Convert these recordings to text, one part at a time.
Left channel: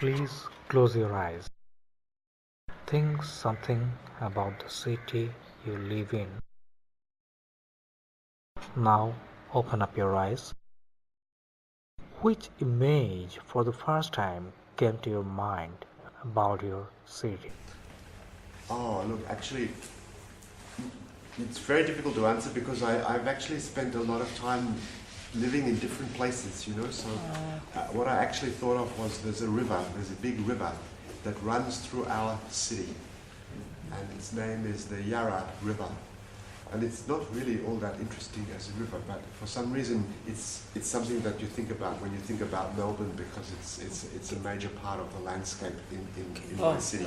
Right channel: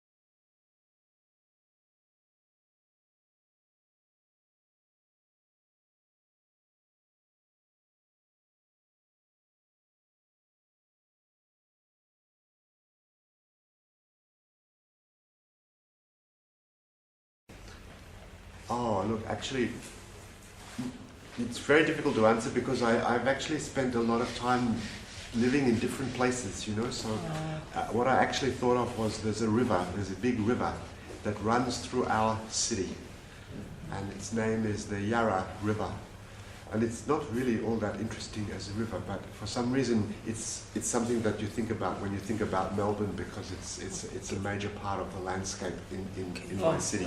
Please close your eyes. Think something about the city you live in. Now open up your eyes. Which image for the first time came to your mind about your city? Oh, look, actually, it's very difficult to answer because I've actually spent a lot of time living in different places, you know. So what I actually thought of was there's a big river that runs through our city, and its name is the Yarra River. And it's not really all that interesting as a river, but for some reason it's something that you think about when you think about Melbourne, because it's a major part of the landscape in my city.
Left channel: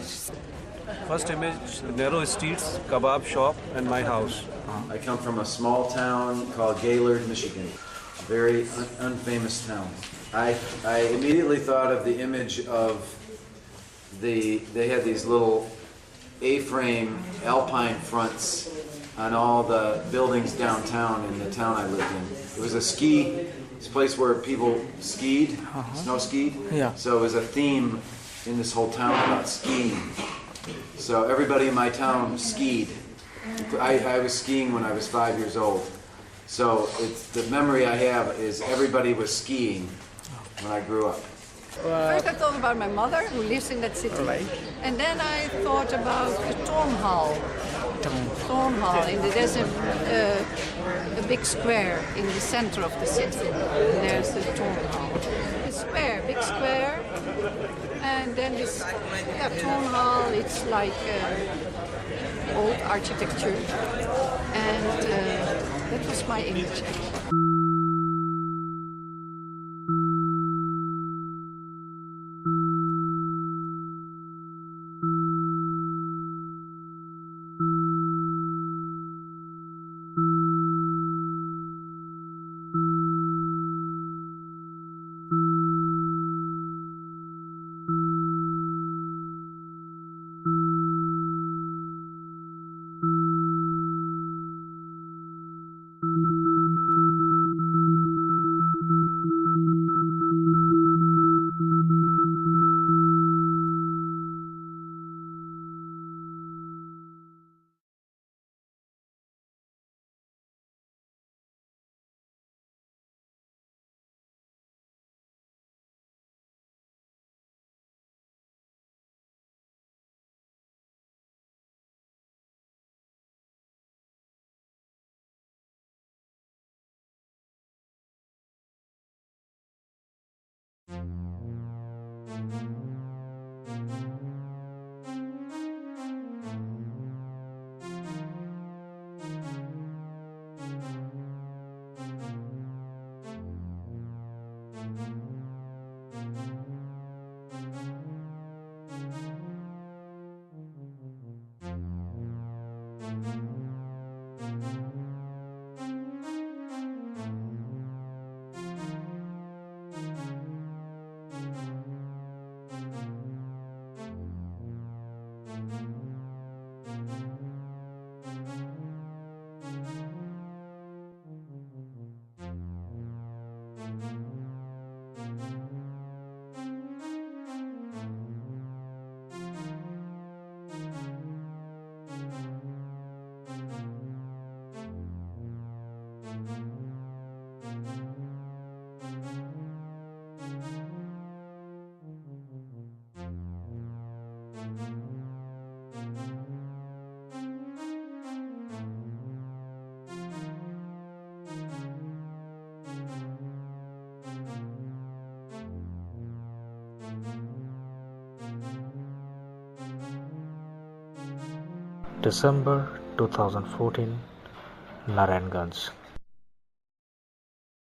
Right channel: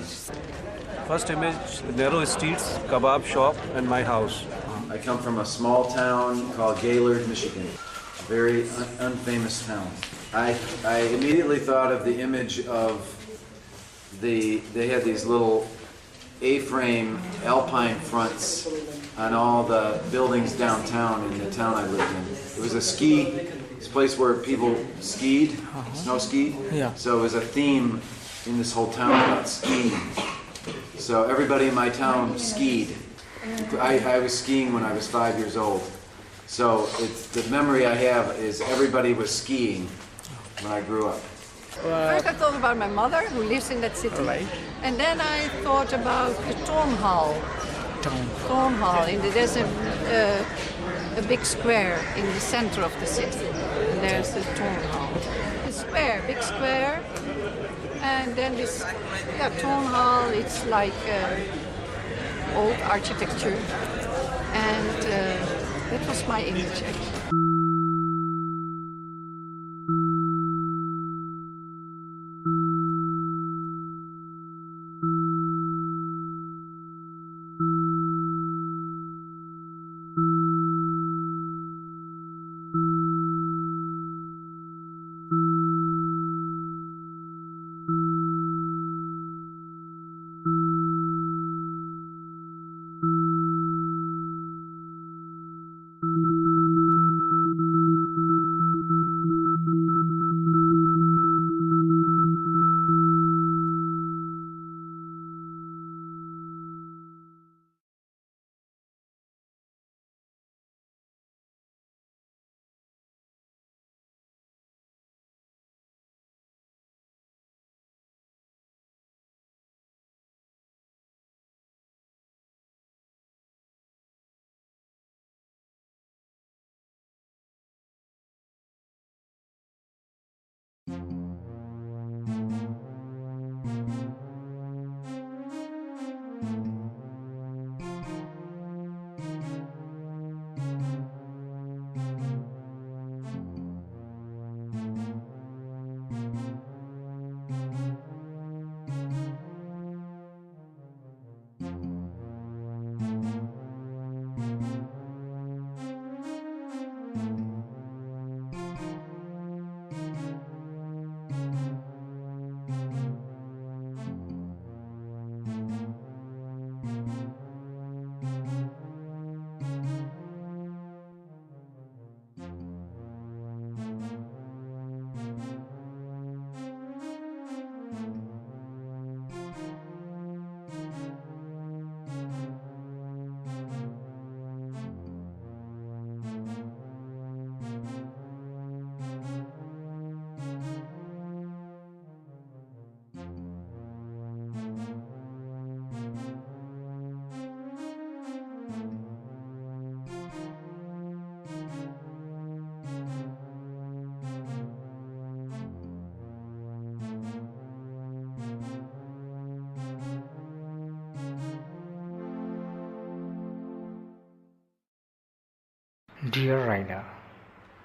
First image, narrow streets, kebab shop, and my house. I come from a small town called Gaylord, Michigan. A very unfamous town. I immediately thought of the image of they had these little A-frame alpine fronts on all the buildings downtown in the town I lived in. It was this place where people skied, snow skied. Yeah. So it was a theme in this whole town about skiing. So everybody in my town skied. I was skiing when I was 5 years old. So the memory I have is everybody was skiing when I grew up. First I thought about my mother who lives in that city. Right. And then I thought about the town hall. Town hall. There's a big square in the center of the city. And there's the town hall. The square, big square. And then this town hall, it's like old architecture. And that was my image. December 2014, Narayangonj. Dear Raina,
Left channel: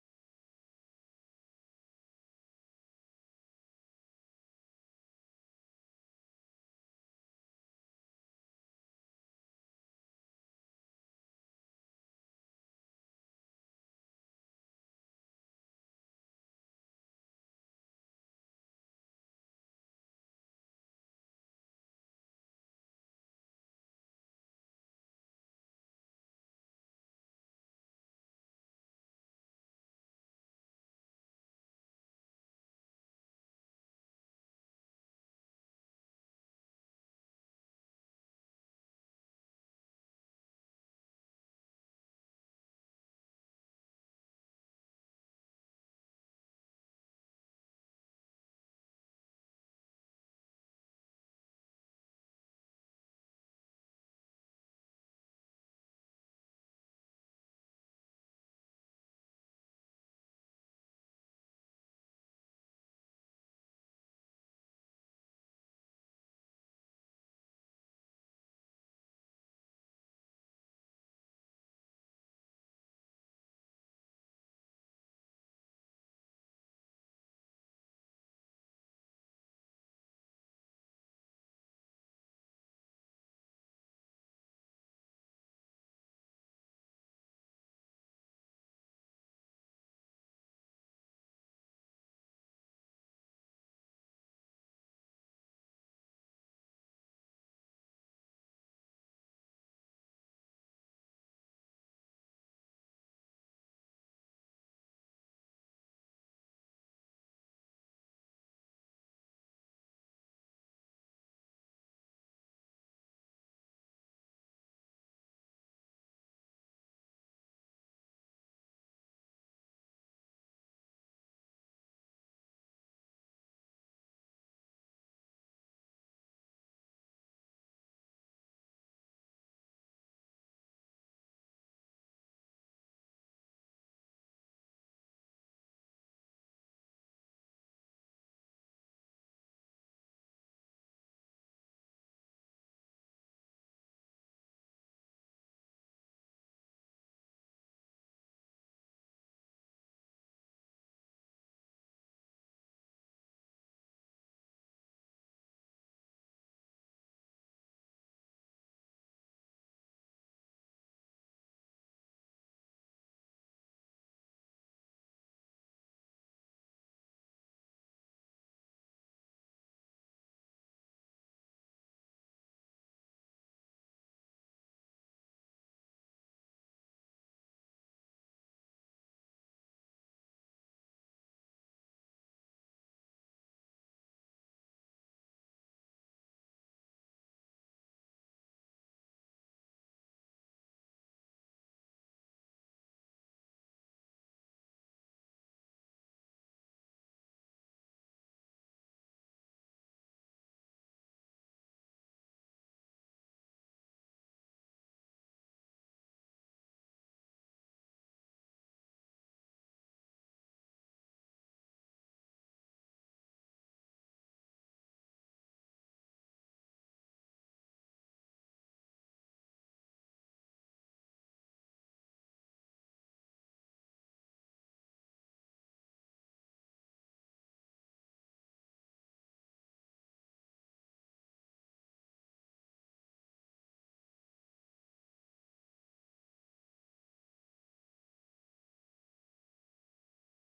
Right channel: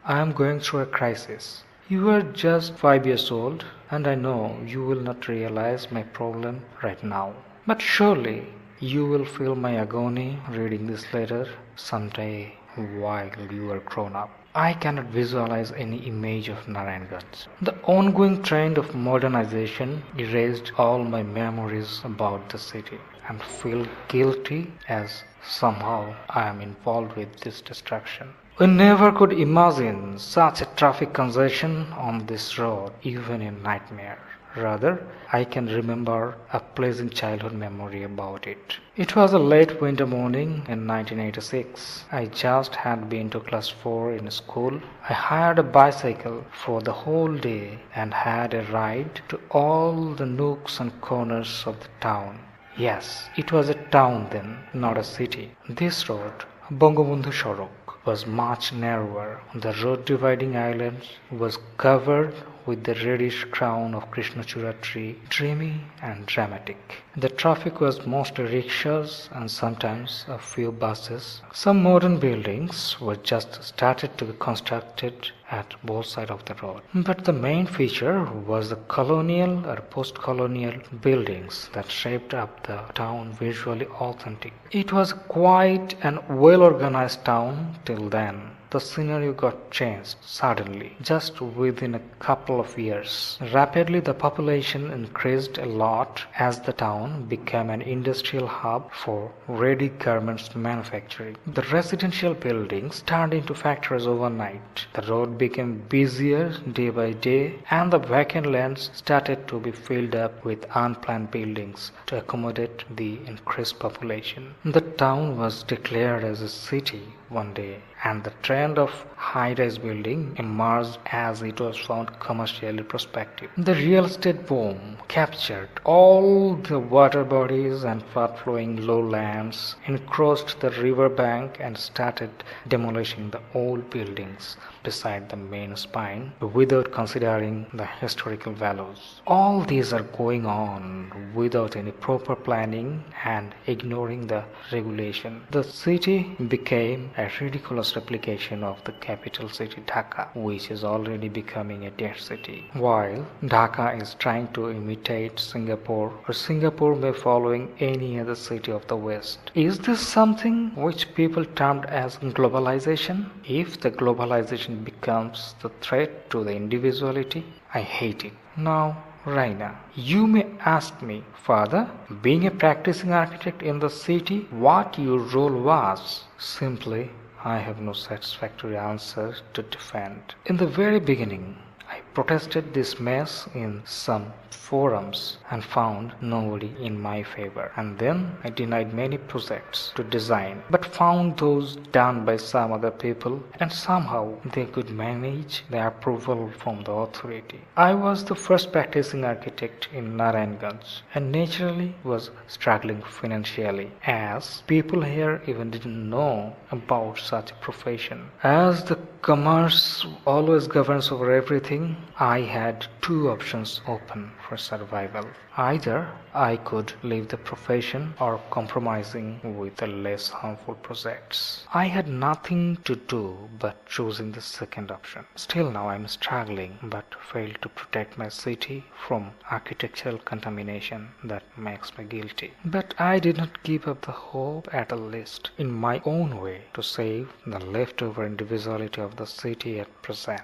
I am going through a crisis. You are just 5 years old, and I know you will not realize my problem right now. But surely you will feel my agony reading this letter someday while you are grown up. I cannot visualize any image of Narayangonj. The ongoing trend of modernization erased all my memories about the city, and feel guilty as somehow I am involved with this destruction. We never could imagine such a traffic congestion on this road, even in nightmare. Rather, I can remember a pleasant childhood memory about it. It was a late winter morning in 1986. I just had been to class 4 in school. I hired a bicycle for the whole day and had a ride to all the nooks and corners of the town. Yes, it was a town then, not a city. This road, Bangabandhu Sorok, was much narrower. The road dividing islands was covered with the reddish crown of Krishnachura tree, dreamy and dramatic. The traffic was mostly rickshaws and sometimes a few buses. Some modern buildings were just started to be constructed at both sides of the road. But the main feature was the colonial or post-colonial buildings that shaped up the town visually authentic. It was quite an well-organized town till then. The scenario got changed suddenly, just within a couple of years. Rapidly, the population increased a lot as the town became an industrial hub for ready garments manufacturing. The residential buildings turned into factories overnight. The road became busier day by day, and the vacant lands started to be filled up with unplanned buildings to accommodate the increased population. The town was declared as a city one day, and the trend of high-rise building emerged as it was found commercially prospective. The real estate boom captured all the water bodies and fast-flowing lowlands, encroached the river bank and started demolishing the old buildings beside the main spine without considering the historical values. All these are going on without any proper planning and ignoring the regulation. The city became a ridiculous replication of the capital city Dhaka, which is already becoming a dead city. While Dhaka is trying to imitate Singapore, or Singapore may following any other city of the West. Is this something which people termed as globalization? If the globalization becomes the threat to the individuality, I hate it. Now, Raina, you may ask me, Father, being a practicing architect in the city, what your role was? Simply, I have no satisfactory answer to defend. In the very beginning, I protested this mess in some forums and found nobody in my favor. And then I denied many projects to design, but found those done by some other people, and somehow they could manage the approval from the authority. I was the first practicing architect in Narayangonj and naturally was struggling financially, as people here even didn't know about such a profession. As the commerce always governs over everything, I had two options open for survival. Either I could leave the profession or compromising with the less harmful projects. I had nothing to do but choosing the second option. Still now I am struggling but failed to protect my city from architectural contamination that makes me guilty. But I did not give up the hope, at least in my own way, to save the leftover individuality of the city at present.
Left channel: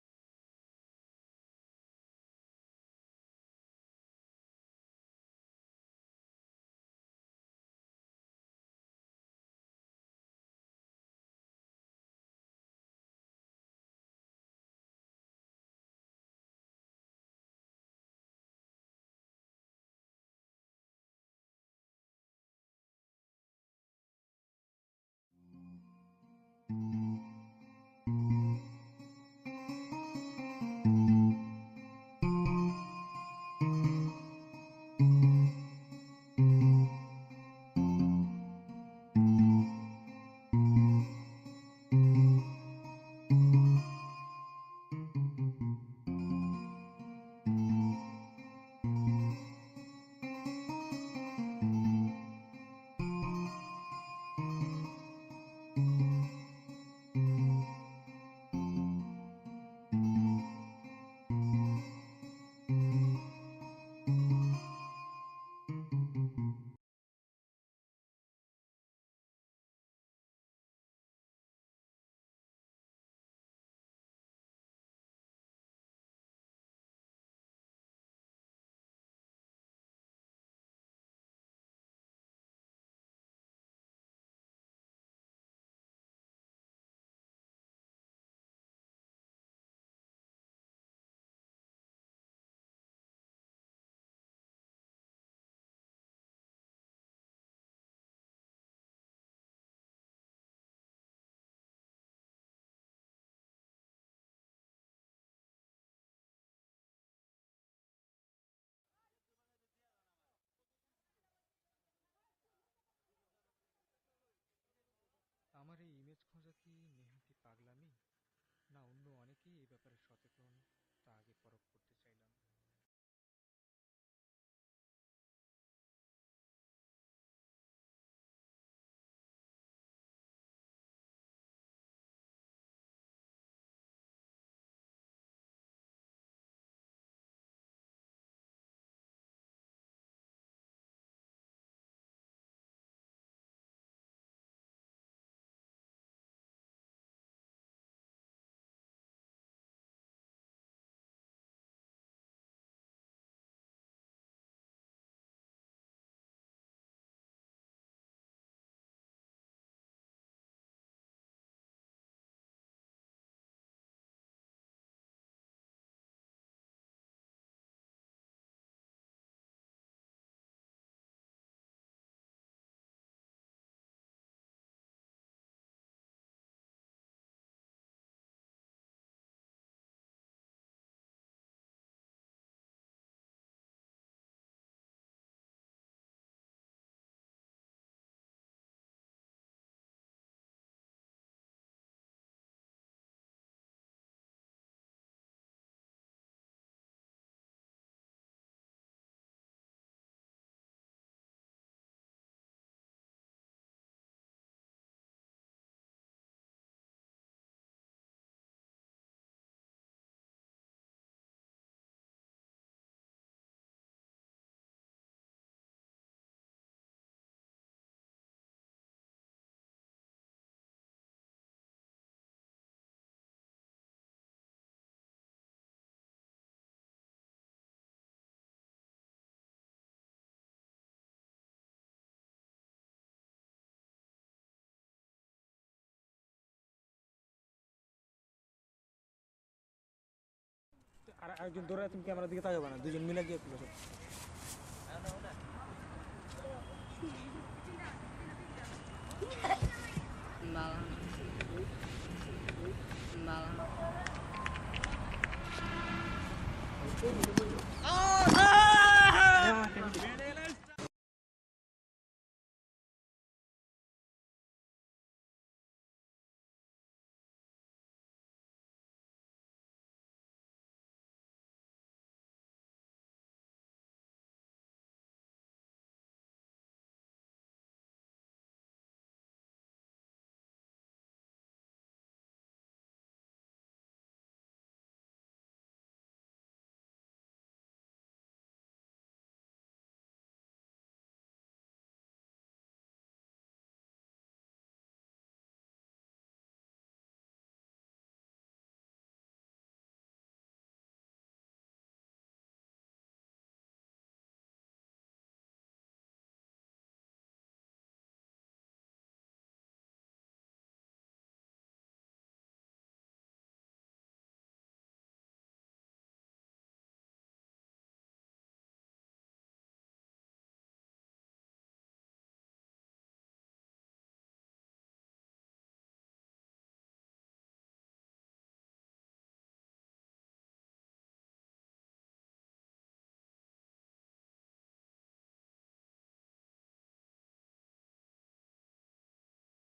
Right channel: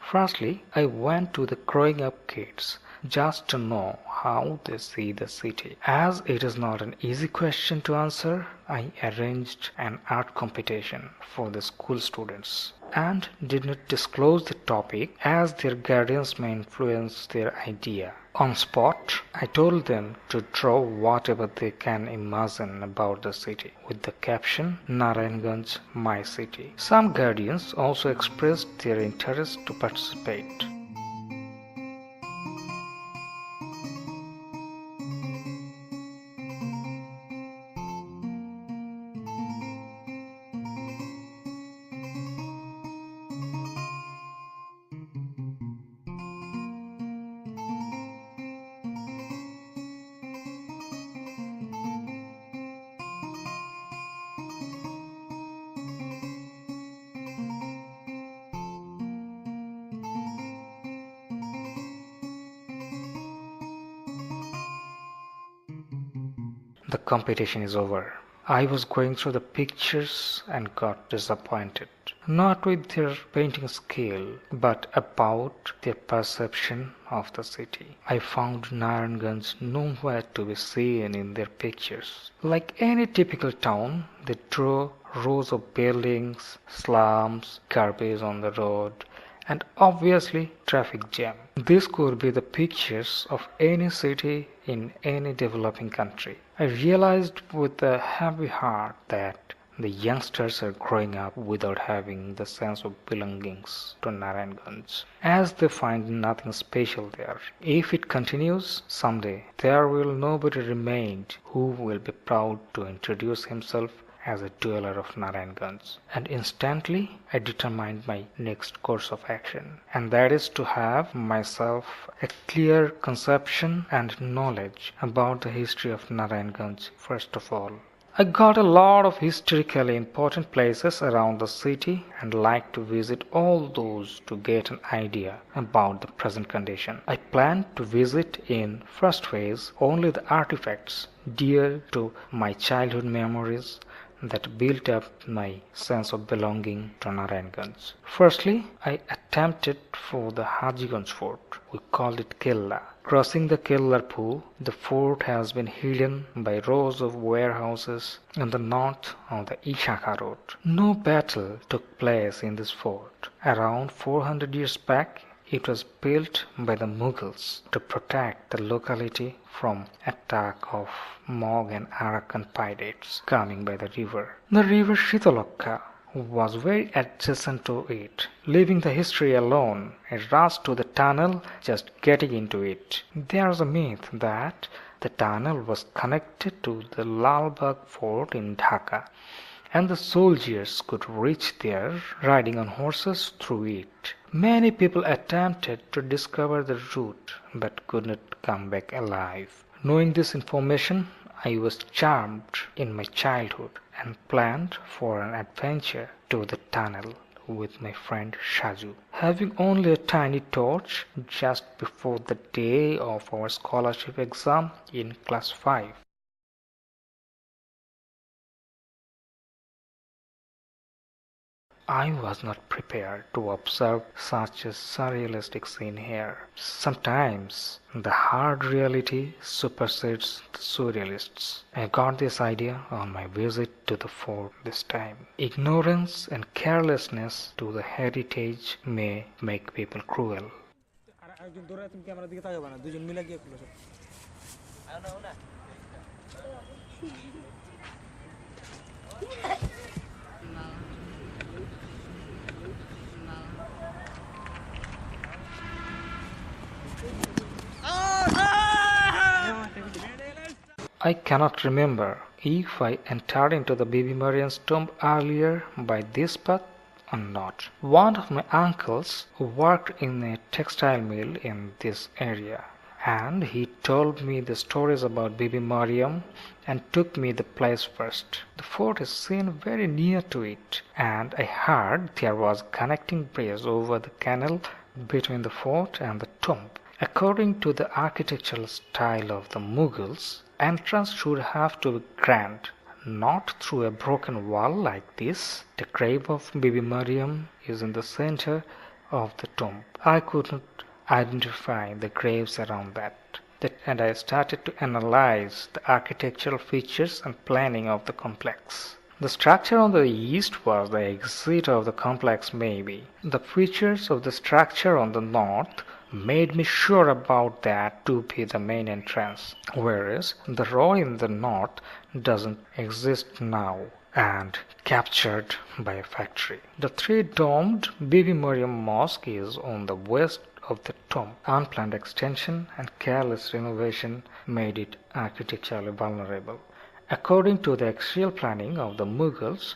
Firstly, I went to the growing up kids just to know how they see the city. As it is not an easy question to answer, I arranged an art competition for the school students and did not disclose the topic as their guardians may influence their idea. On spot, I told them to draw whatever they can imagine about the city with the caption Narayangonj, my city. Some guardians also expressed their interest to participate. The competition is over. I was going through the pictures and got disappointed. Not with their painting skill, but about their perception of the city. I found Narayangonj nowhere to be seen in their pictures. Like any typical town, they drew rows of buildings, slums, garbage on the road, and obviously traffic jam. This could be the pictures of any city in any developing country. I realized with a heavy heart that the youngsters are growing up without having the sense of belongings to Narayangonj, as they find nothing special there. If it continues, someday there will nobody remain who will be proud to introduce himself as a dweller of Narayangonj. And instantly I determined my next course of action, and that is to have myself a clear conception and knowledge about the history of Narayangonj first of all. I got a lot of historically important places around the city and like to visit all those to get an idea about the present condition. I plan to visit in first phase only the artifacts dear to my childhood memories that built up my sense of belonging to Narayangonj. Firstly, I attempted for the Hajiganj fort. We called it Killa. Crossing the Kellar pool, the fort has been hidden by rows of warehouses on the north of the Ishaka road. No battle took place in this fort. Around 400 years back, it was built by the Mughals to protect the locality from attack of Mogh and Arakan pirates coming by the river. The river Shitalokka was very adjacent to it. Leaving the history alone, I rushed to the tunnel just getting into it. There is a myth that the tunnel was connected to the Lalbagh fort in Dhaka, and the soldiers could reach there riding on horses through it. Many people attempted to discover the route but could not come back alive. Knowing this information, I was charmed in my childhood and planned for an adventure to the tunnel with my friend Shaju. Having only a tiny torch just before the day of our scholarship exam in class 5. I was not prepared to observe such a surrealistic scene here. Sometimes the hard reality supersedes the surrealists. I got this idea on my visit to the fort this time. Ignorance and carelessness to the heritage may make people cruel. I cannot remember if I entered into the Bibi Mariam's tomb earlier by this path or not. One of my uncles worked in a textile mill in this area, and he told me the stories about Bibi Mariam and took me the place first. The fort is seen very near to it, and I heard there was a connecting bridge over the canal between the fort and the tomb. According to the architectural style of the Mughals, entrance should have to be grand, not through a broken wall like this. The grave of Bibi Mariam is in the center of the tomb. I could not identify the graves around that, and I started to analyze the architectural features and planning of the complex. The structure on the east was the exit of the complex maybe. The features of the structure on the north made me sure about that to be the main entrance, whereas the row in the north doesn't exist now and captured by a factory. The three-domed Bibi Mariam Mosque is on the west of the tomb. Unplanned extension and careless renovation made it architecturally vulnerable. According to the axial planning of the Mughals,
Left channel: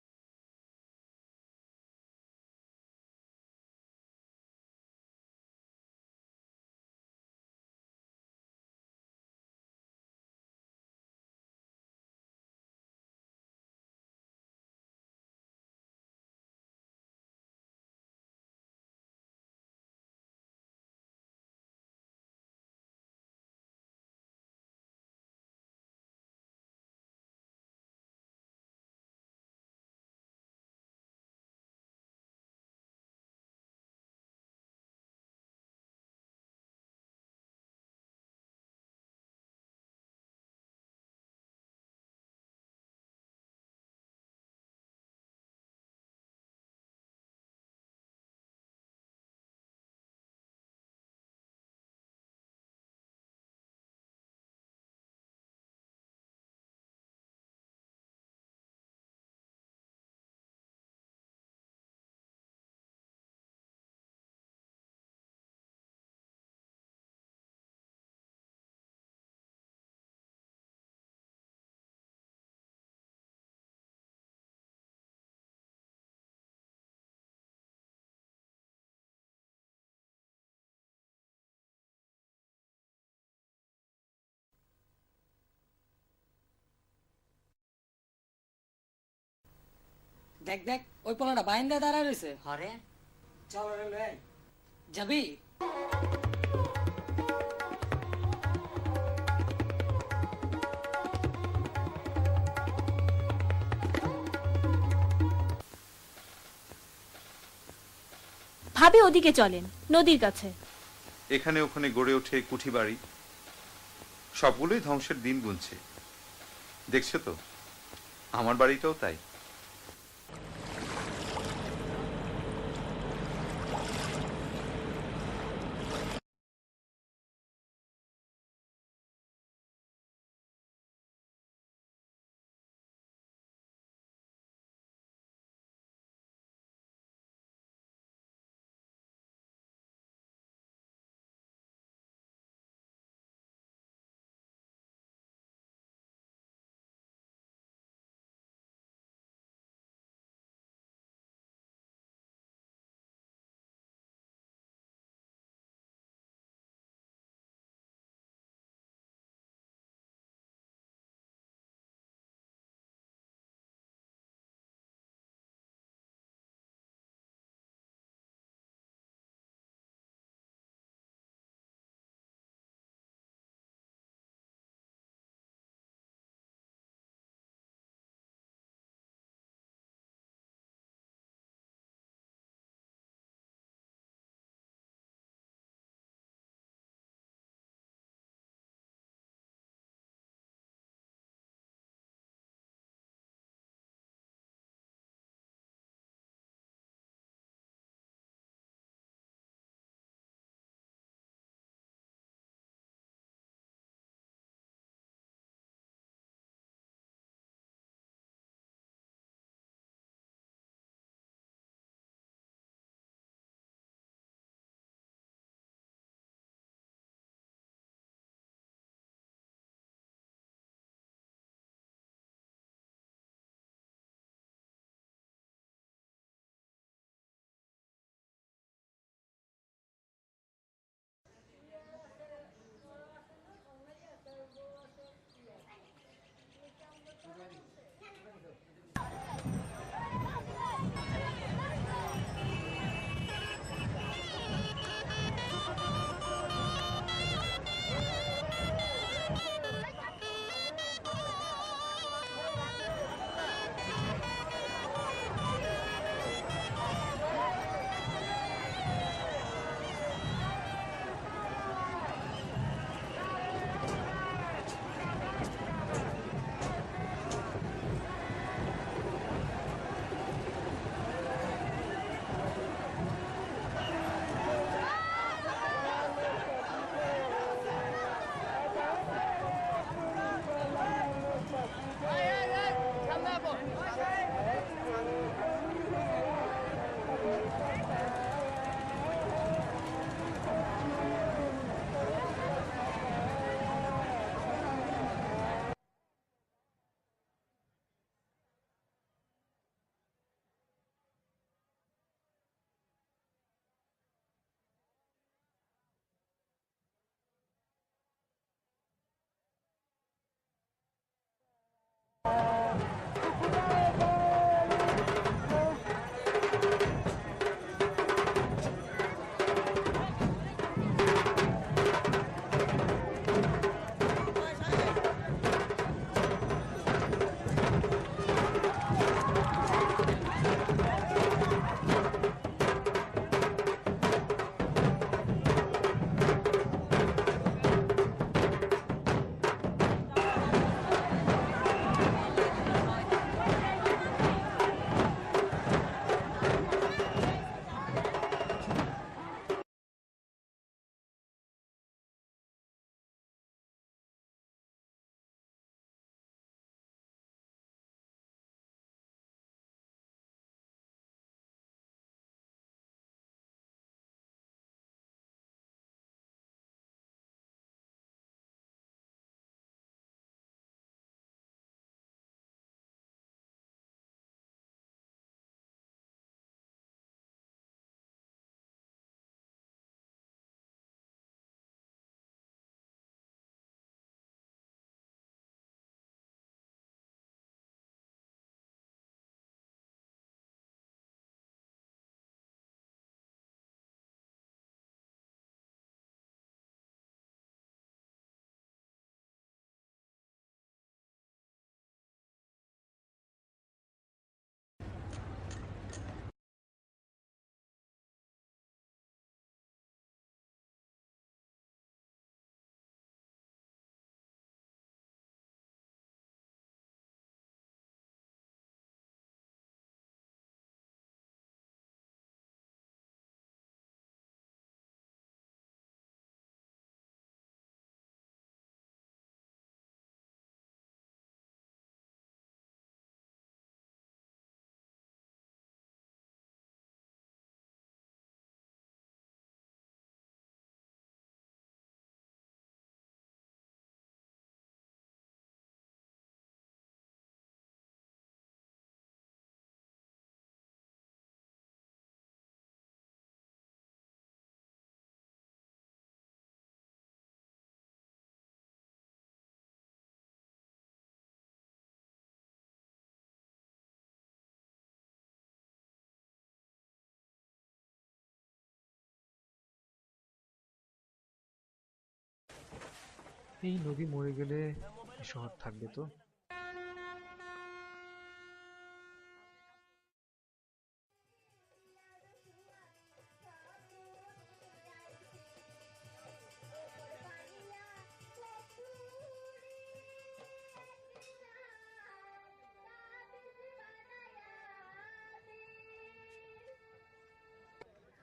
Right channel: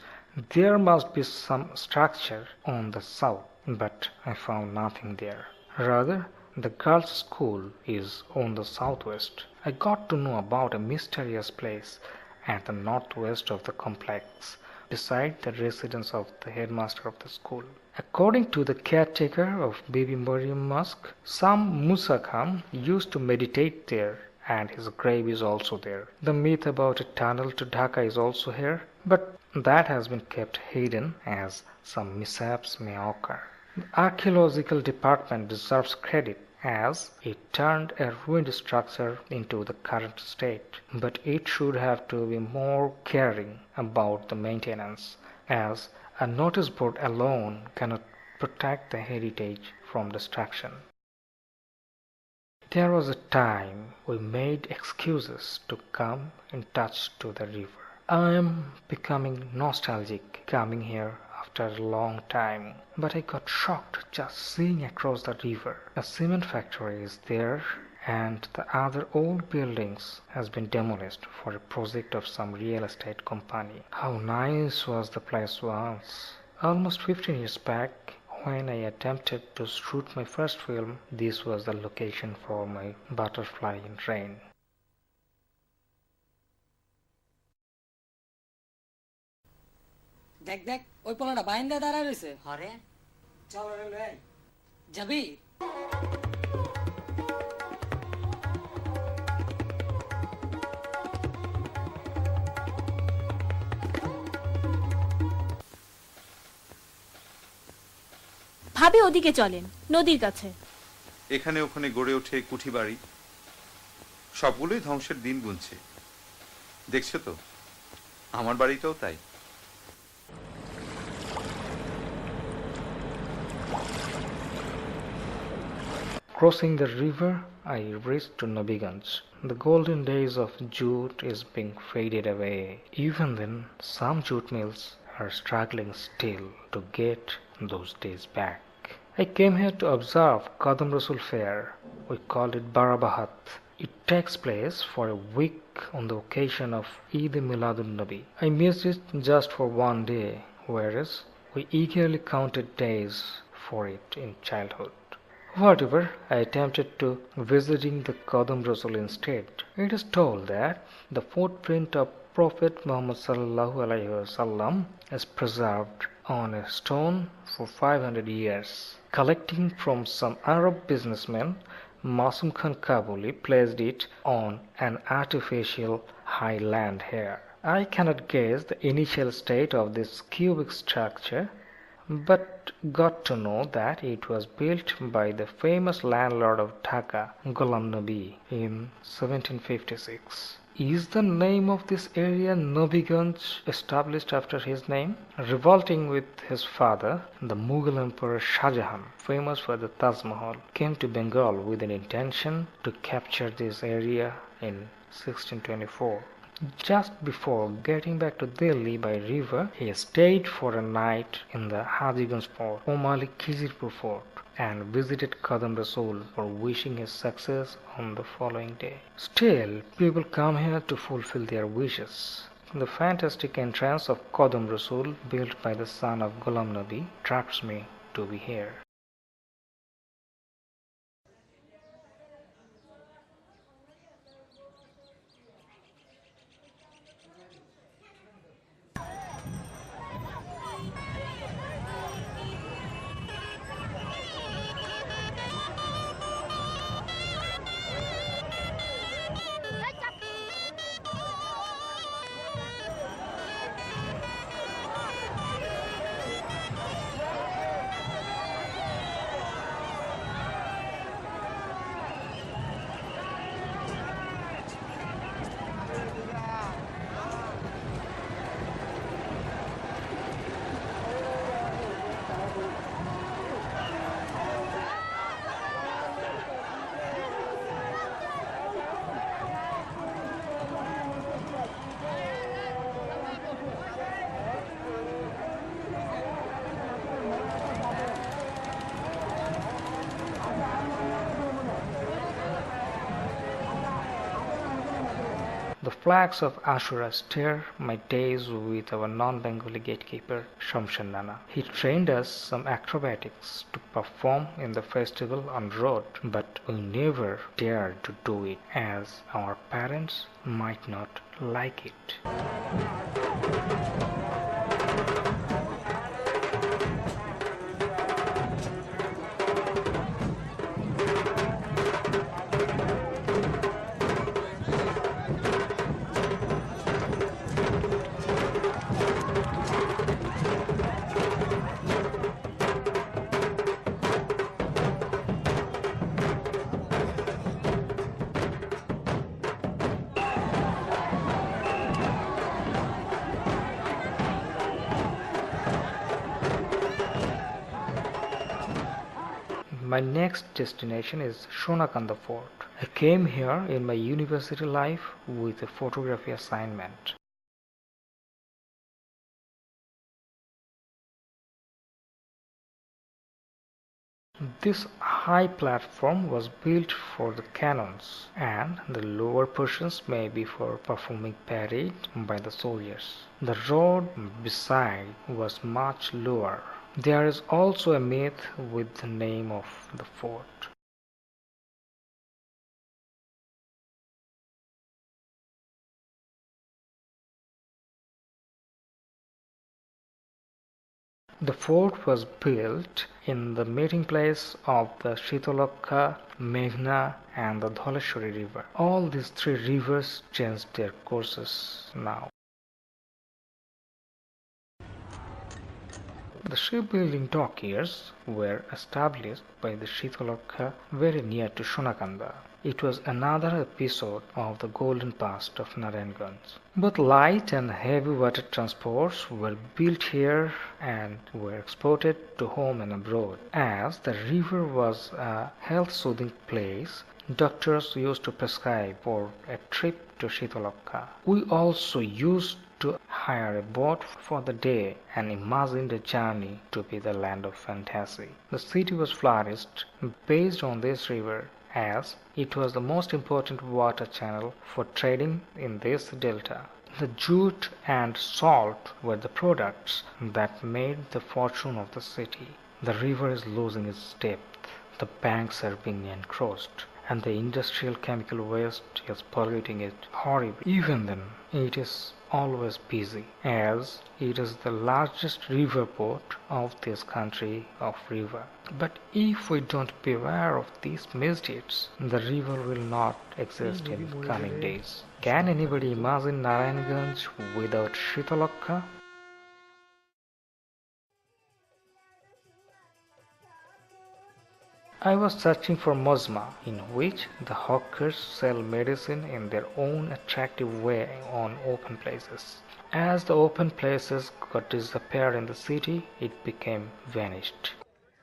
there must be some structure on the south, but I found nothing there. Rather, the girls' school is on the southwest. I got to know about a mysterious place at the northwest of the complex, beside the residence of the headmaster of the school. According to the caretaker of Bibi Mariam Mosque, some Musa Khan used to meditate there, and his grave is also there. The myth about a tunnel to Dhaka is also here, but that has been kept hidden as some mishaps may occur. The archaeological department deserves credit as it turned a ruined structure into the current state, but it should have to be more caring about the maintenance, as a notice board alone cannot protect the heritage from destruction. There was a time we made excuses to come in touch to the river. I am becoming nostalgic coming here after a long time, but I got shocked just seeing across the river. A cement factory is there and the other old buildings has been demolished for a project of some real estate company. How nice was the place once. Almost 15 years back, when I attempted to shoot my first film, this was the location for my Butterfly in Rain. দেখ দেখ ওই পোলাটা বাইন্দা দাঁড়ায় রইছে হরে চল রে লই যাবি ভাবি ওদিকে চলেন নদীর কাছে। এখানে ওখানে গড়ে ওঠে কুঠি বাড়ি, সবগুলোই ধ্বংসের দিন গুনছে। দেখছো তো, আমার বাড়িটাও তাই। Crossing the river, I reached to Narayangonj. The golden days of jute is being faded away. Even then, some jute mills are struggling still to get those days back. I came here to observe Qadam Rasul Fair. We call it Barabahat. It takes place for a week on the occasion of Eid Miladun Nabi. I missed it just for one day, whereas we eagerly counted days for it in childhood. Whatever, I attempted to visiting the Qadam Rasul instead. It is told that the footprint of Prophet Muhammad sallallahu alaihi wasallam is preserved on a stone for 500 years. Collecting from some Arab businessman, Masum Khan Kabuli placed it on an artificial high land here. I cannot guess the initial state of this cubic structure, but got to know that it was built by the famous landlord of Dhaka, Ghulam Nabi, in 1756. Is the name of this area Narayangonj established after his name? Revolting with his father, the Mughal Emperor Shah Jahan, famous for the Taj Mahal, came to Bengal with an intention to capture this area in 1624. Just before getting back to Delhi by river, he stayed for a night in the Hajiganj fort, Omali Khizirpur fort, and visited Qadam Rasul for wishing his success on the following day. Still, people come here to fulfill their wishes. The fantastic entrance of Qadam Rasul, built by the son of Ghulam Nabi, attracts me to be here. The flags of Ashura stir my days with our non-Bengali gatekeeper Shamshan Nana. He trained us some acrobatics to perform in the festival on road, but we never dared to do it as our parents might not like it. my next destination is Shonakanda Fort. I came here in my university life with a photography assignment. This high platform was built for the cannons, and the lower portions may be for performing parade by the soldiers. The road beside was much lower. There is also a myth with the name of the fort. The fort was built in the meeting place of the Shitolokha, Meghna and the Dholeshwari river. All these three rivers changed their courses now. The shipbuilding dockyards were established by the Shitolokha very near to Shonakanda. It was another episode of the golden past of Narayangonj. Both light and heavy water transports were built here and were exported to home and abroad. As the river was a health-soothing place, doctors used to prescribe for a trip to Shitolokha. We also used to hire a boat for the day and imagined a journey to be the land of fantasy. The city was flourished based on this river, as it was the most important water channel for trading in this delta. The jute and salt were the products that made the fortune of the city. The river is losing its depth, the banks are being encroached, and the industrial chemical waste is polluting it horribly. Even then, it is always busy, as it is the largest river port of this country of river. But if we don't beware of these misdeeds, the river will not exist in the coming days. Can anybody imagine Narayangonj without Shitolokha? I was searching for Mosma, in which the hawkers sell medicine in their own attractive way on open places. As the open places got disappeared in the city, it became vanished.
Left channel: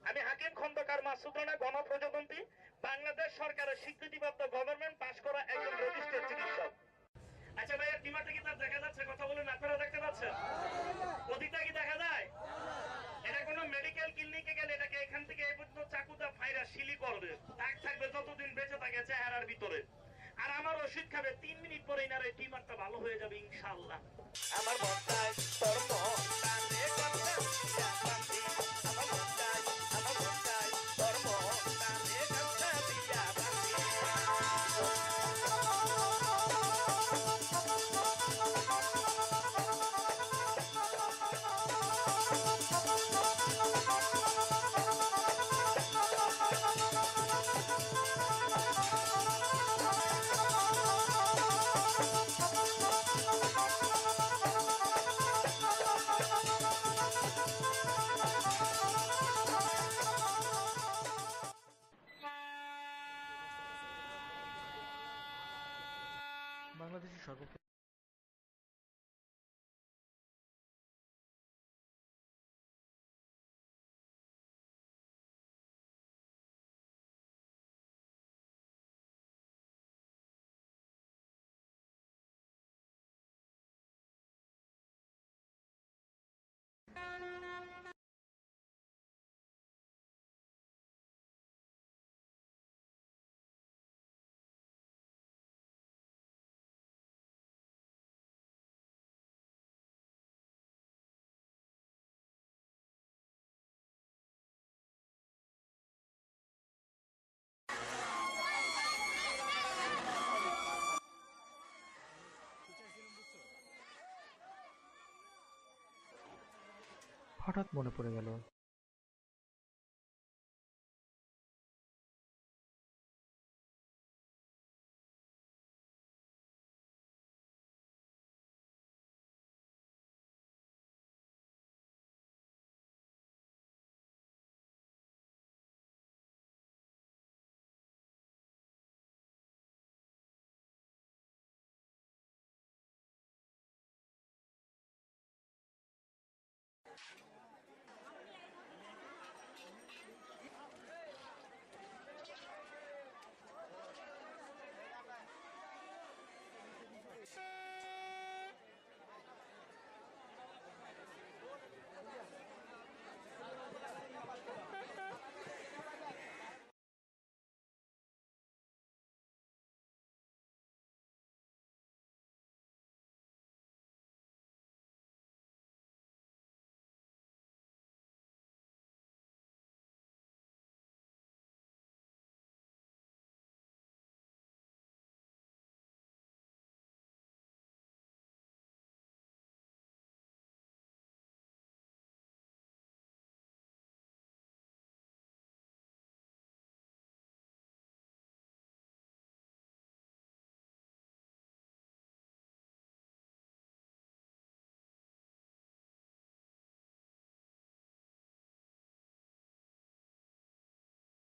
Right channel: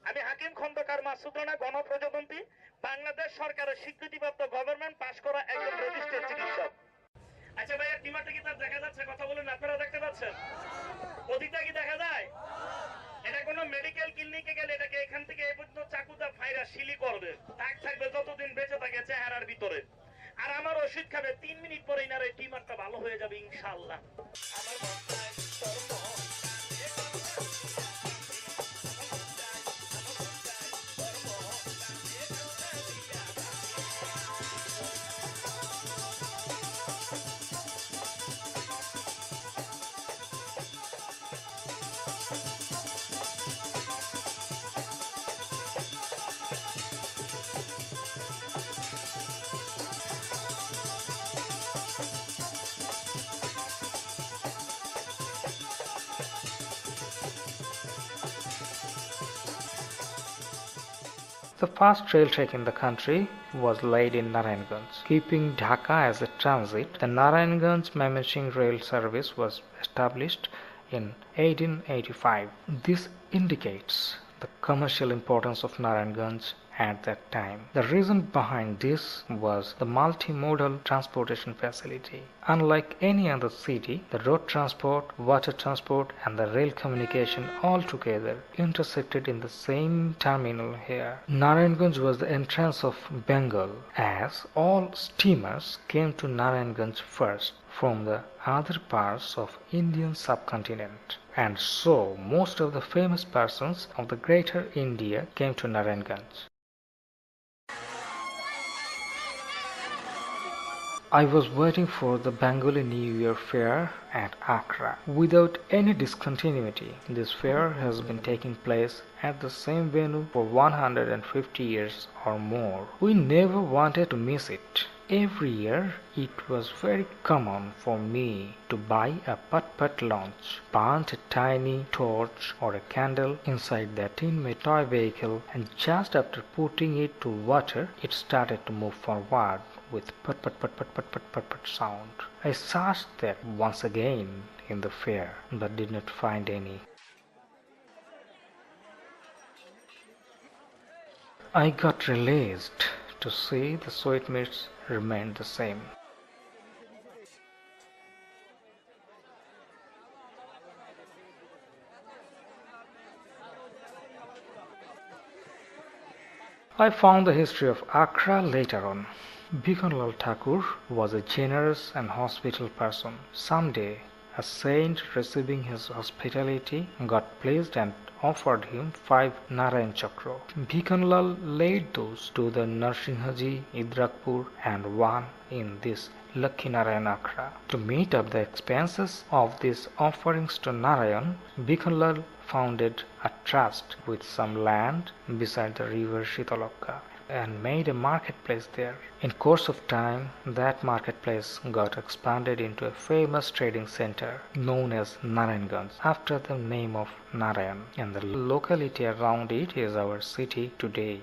আমি হাকিম খন্দকার মাসুদ রানা গণপ্রজাতন্ত্রী বাংলাদেশ সরকারের স্বীকৃতিপ্রাপ্ত government pass করা একজন registered চিকিৎসক। আচ্ছা ভাইয়া টিমারটা কি তার দেখা যাচ্ছে? কথা বলুন, আপনারা দেখতে পাচ্ছেন? ওদিকটা কি দেখা যায়? এটা কোনো মেডিকেল ক্লিনিকে গেলে এটাকে এখান থেকে এই পর্যন্ত চাকুদা ফাইরা শিলি করবে, দাগ থাকবে যতদিন বেঁচে থাকে চেহারার ভিতরে। আর আমার ওষুধ খাবে 3 মিনিট পরে ইনার এই টিমারটা ভালো হয়ে যাবে ইনশাআল্লাহ। আমার মনটায় ধর্ম The first rail track in the country was laid in Narayangonj. Keeping Dhaka as a transit, the Narayangonj-Mymensingh rail service was established in 1885. This indicates the commercial importance of Narayangonj at that time. The reason behind this was the multimodal transportation facility. Unlike any other city, the road transport, water transport and the rail communication all together intersected in the same terminal here. Narayangonj was the entrance of Bengal, as all steamers came to Narayangonj first from the other parts of Indian subcontinent. And so most of the famous persons of the greater India came to Narayangonj. I was waiting for the Bengali New Year fair at Accra. Without any discontinuity, this fair has been taking place at the same venue for 150 years or more. We never wanted to miss it. Every year, it was very common for me to buy a putt-putt launch, burnt a tiny torch or a candle inside that in my toy vehicle, and just after putting it to water, it started to move forward with put put put put put put put put sound. I searched that once again in the fair, but did not find any. I got released to see the sweetmeats remained the same. I found the history of Accra later on. Bhikanlal Thakur was a generous and hospitable person. Someday, a saint receiving his hospitality got pleased and offered him 5 Narayan Chakra. Bhikanlal laid those to the Narsinghaji, Idrakpur and one in this Lakhi Narayan Accra. To meet up the expenses of these offerings to Narayan, Bhikanlal founded a trust with some land beside the river Shitalaka and made a marketplace there. In course of time, that marketplace got expanded into a famous trading center known as Narayangonj after the name of Narayan, and the locality around it is our city today.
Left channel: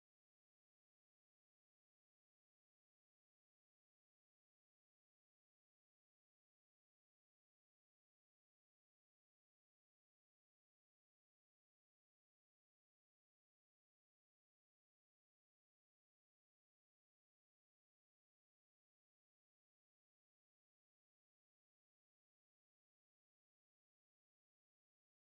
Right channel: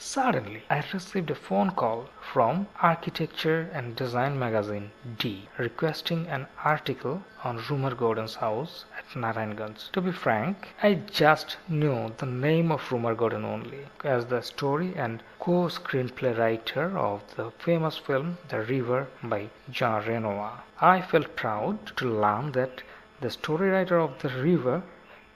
Suddenly, I received a phone call from Architecture and Design magazine D requesting an article on Rumar Gordon's house at Narayanganj. To be frank, I just knew the name of Rumar Gordon only as the story and co-screenplay writer of the famous film The River by Jean Renoir. I felt proud to learn that the story writer of The River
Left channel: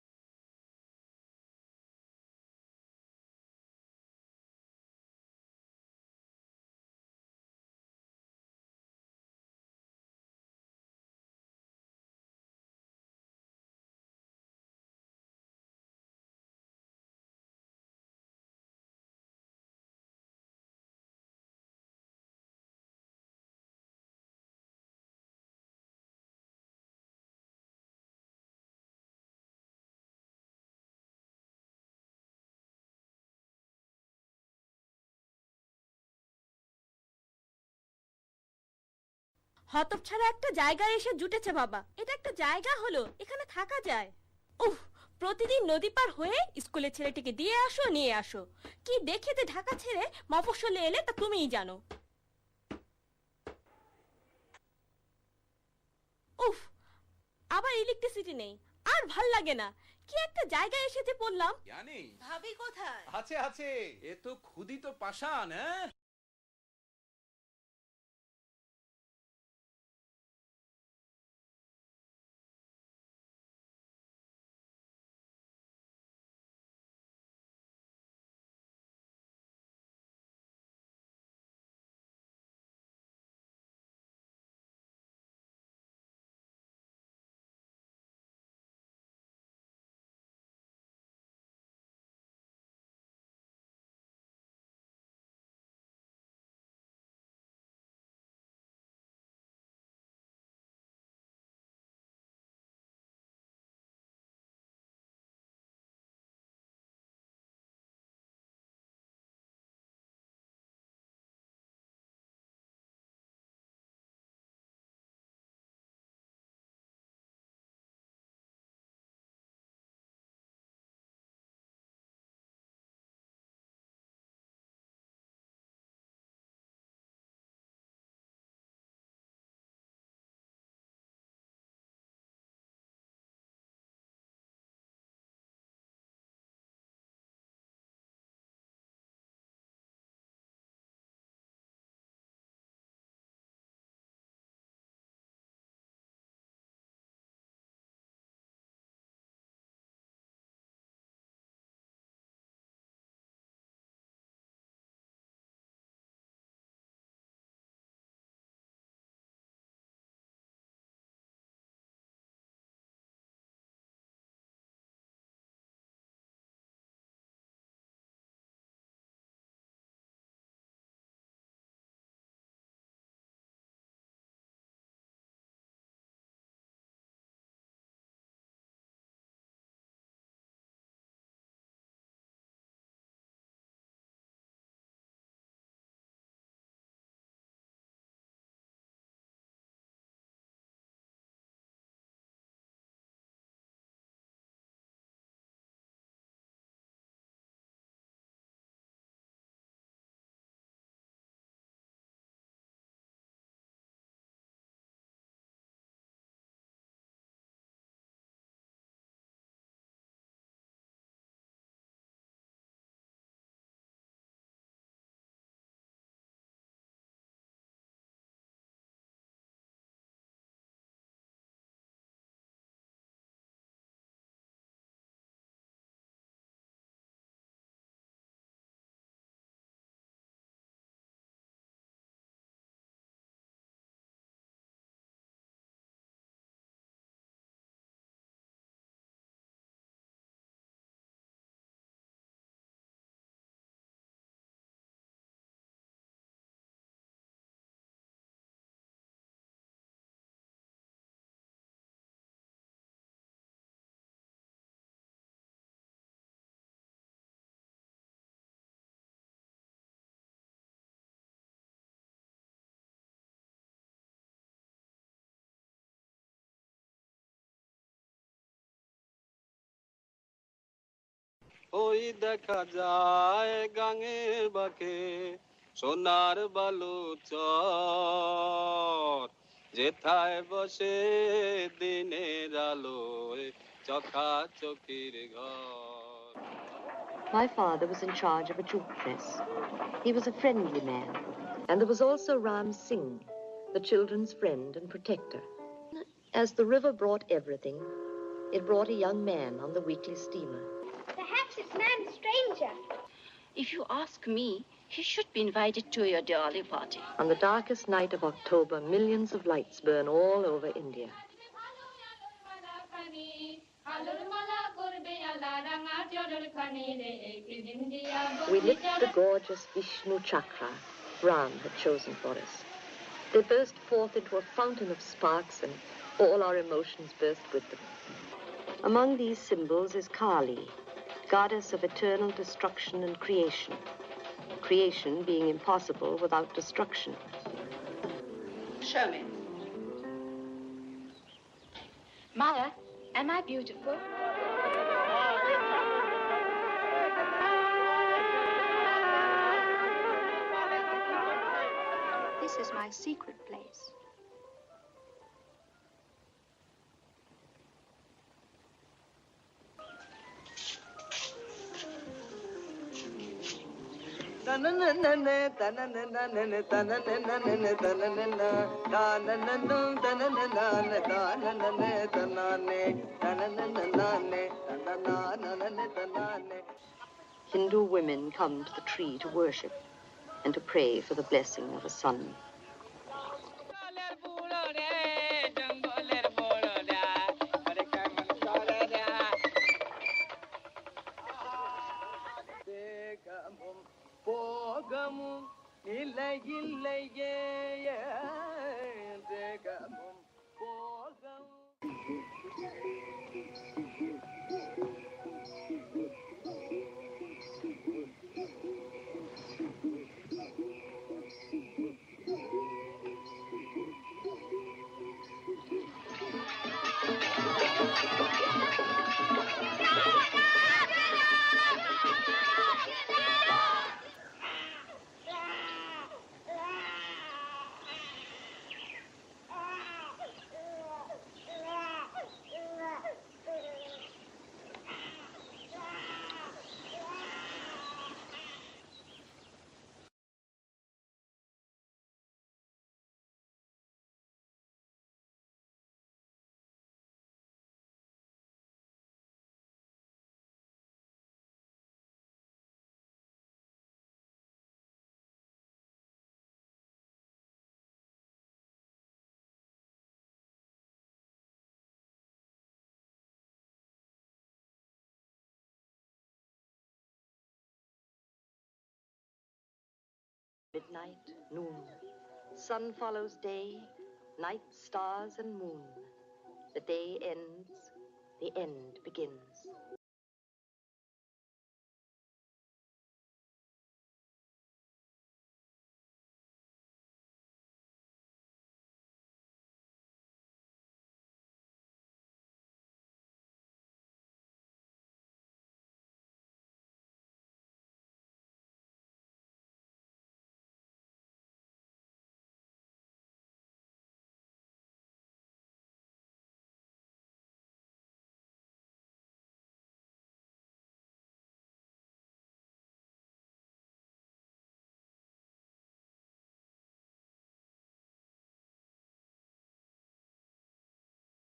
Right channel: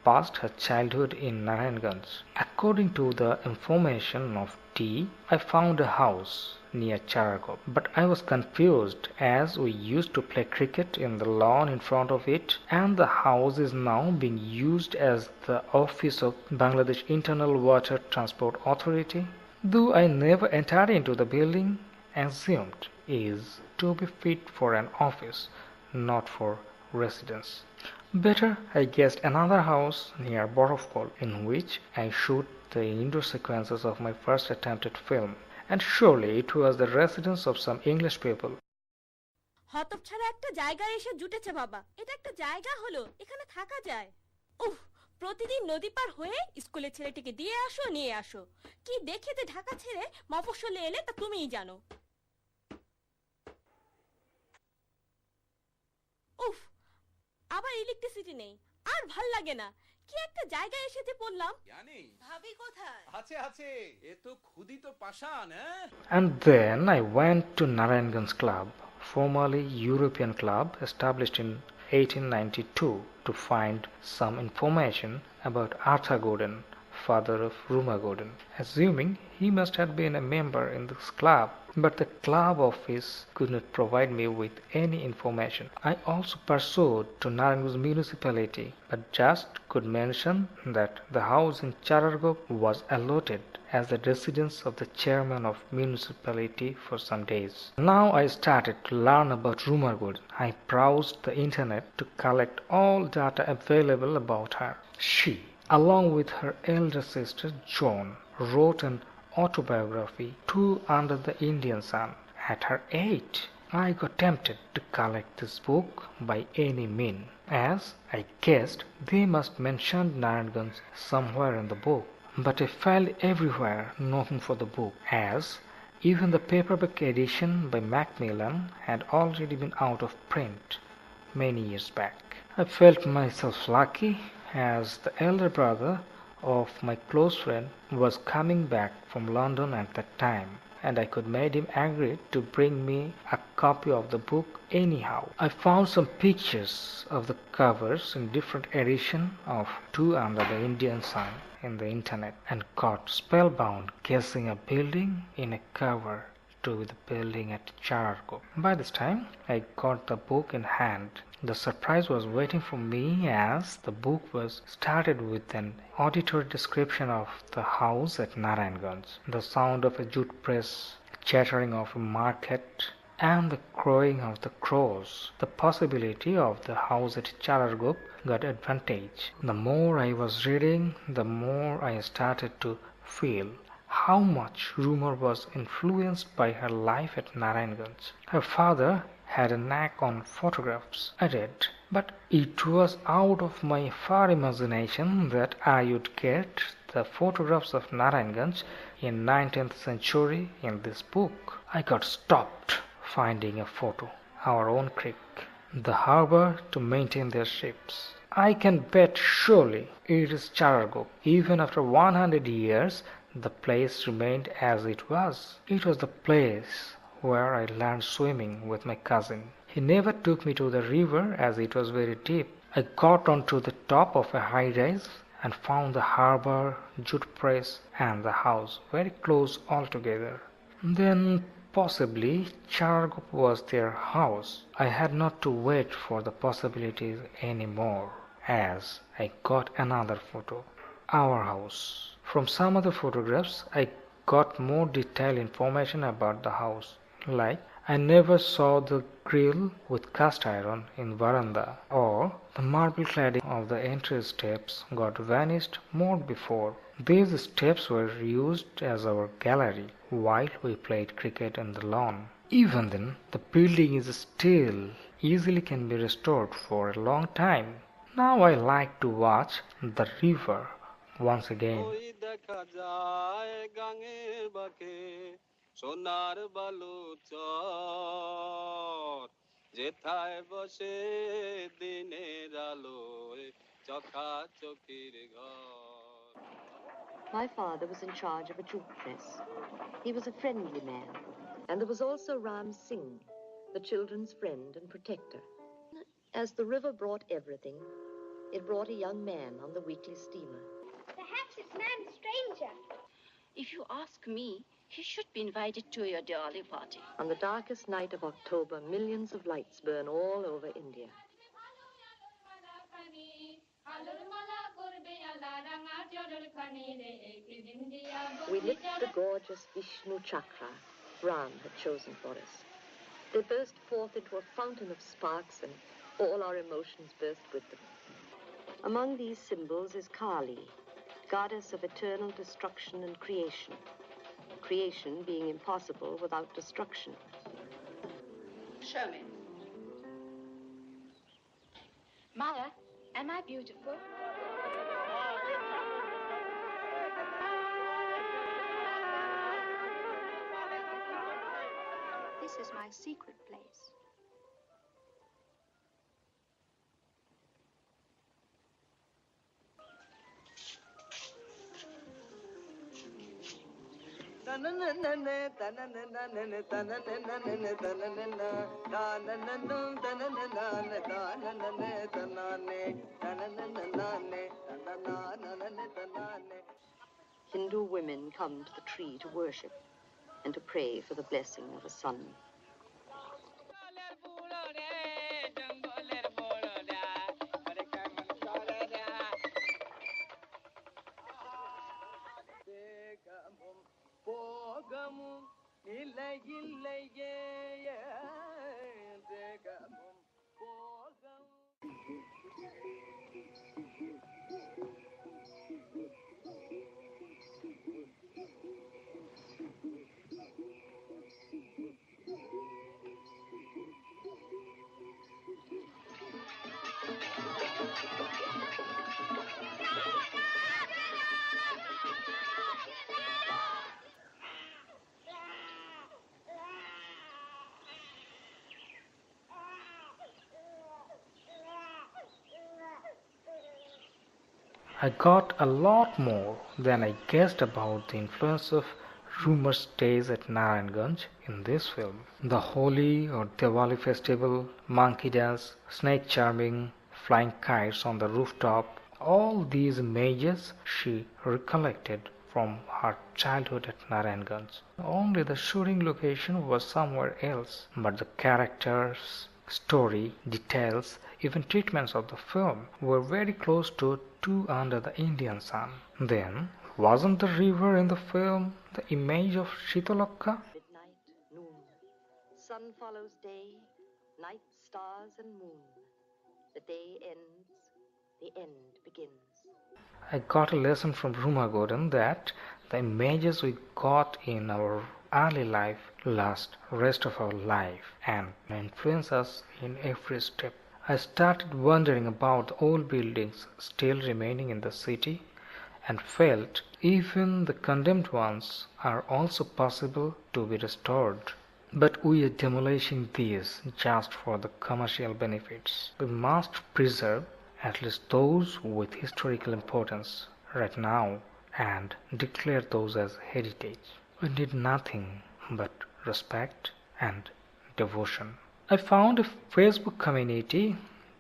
passed her childhood in Narayanganj. According to the information of T, I found a house near Charagop, but I was confused as we used to play cricket in the lawn in front of it, and the house is now being used as the office of Bangladesh Internal Water Transport Authority. Though I never entered into the building, assumed is to be fit for an office, not for residence. Better, I guessed another house near Borofkol in which I shoot the indoor sequences of my first attempted film, and surely it was the residence of some English people. হতচ্ছাড়া একটা জায়গায় এসে জুটেছে বাবা। এটা একটা জায়গা হলো, এখানে থাকা যায়। উফ, প্রতিদিন নদী পার হয়ে স্কুলে ছেলেটিকে দিয়ে আসো নিয়ে আসো। কি দেখে যে ঢাকা ছেড়ে মফস্বলে এলে তা তুমিই জানো। উফ, আবার ইলেকট্রিসিটি নেই, আর ভাল লাগে না। কি একটা জায়গায় এসে যে পড়লাম। জানি ভাবি কোথায়? আছে আছে, এ তো ক্ষুদিত পাষাণ। And then I went to Narayanganj Club, formerly European Club, established in 1892 to find some information about Arthur Gordon, father of Rumar Gordon, assuming he must have been a member in this club. But the club office could not provide me with any information. I also pursued to Narayanganj municipality, but just could mention that the house in Charargop was allotted as the residence of the chairman of municipality for some days. Now I started to learn about Rumar Gordon. I browsed the internet to collect all data available about her. She, along with her elder sister Joan, wrote an autobiography, Two Under the Indian Sun. At her age, I got tempted to collect this book by any means, as I guessed they must mention Narayanganj somewhere in the book. But I failed everywhere looking for the book, as even the paperback edition by Macmillan had already been out of print many years back. I felt myself lucky, as the elder brother of my close friend was coming back from London at that time, and I could make him agree to bring me a copy of the book anyhow. I found some pictures of the covers in different editions of Two Under the Indian Sun in the internet, and got spellbound guessing a building in a cover to the building at Chararko. By this time, I got the book in hand. The surprise was waiting for me, as the book was started with an auditory description of the house at Narayanganj, the sound of a jute press, chattering of a market, and the crowing of the crows. The possibility of the house at Charargop got advantage. The more I was reading, the more I started to feel how much Rumar was influenced by her life at Narayanganj. Her father had a knack on photographs, I read, but it was out of my far imagination that I would get the photographs of Narayanganj in 19th century in this book. I got stopped finding a photo, our own creek, the harbor to maintain their ships, I can bet surely it is Charargop. Even after 100 years, the place remained as it was. It was the place where I learned swimming with my cousin. He never took me to the river as it was very deep. I got onto the top of a high rise and found the harbor, jute press, and the house very close altogether. Then possibly Charargop was their house. I had not to wait for the possibilities anymore, as I got another photo. Our house. From some other photographs, I got more detailed information about the house. Like, I never saw the grill with cast iron in veranda, or the marble cladding of the entry steps got vanished more before. These steps were used as our gallery while we played cricket on the lawn. Even then, the building is still easily can be restored for a long time. Now I like to watch the river once again. সোনার বালুচর যেথায় বসে দিনের আলোয় চকাচকির ঘর My father was in charge of a jute press. He was a friendly man. And there was also Ram Singh, the children's friend and protector. As the river brought everything, it brought a young man on the weekly steamer. Perhaps it's man stranger. If you ask me, he should be invited to your Diwali party. On the darkest night of October, millions of lights burn all over India. We lit the gorgeous Vishnu Chakra Ram had chosen for us. They burst forth into a fountain of sparks, and all our emotions burst with them. Among these symbols is Kali, goddess of eternal destruction and creation. Creation being impossible without destruction. Show me. Maya, am I beautiful? This is my secret place. Hindu women come to the tree to worship and to pray for the blessing of a son. I got a lot more than I guessed about the influence of rumor stays at Narayangonj in this film. The Holi or Diwali festival, monkey dance, snake charming, flying kites on the rooftop, all these images she recollected from her childhood at Narayangonj. Only the shooting location was somewhere else, but the characters, story, details, even treatments of the film were very close to Two Under the Indian Sun. Then, wasn't the river in the film the image of Shitalokka? Midnight, noon. Sun follows day, night, stars and moon. The day ends, the end begins. I got a lesson from Ruma Gordon that the images we got in our early life last rest of our life and influence us in every step. I started wondering about the old buildings still remaining in the city and felt even the condemned ones are also possible to be restored. But we are demolishing these just for the commercial benefits. We must preserve at least those with historical importance right now, and declare those as heritage. We need nothing but respect and devotion. I found a Facebook community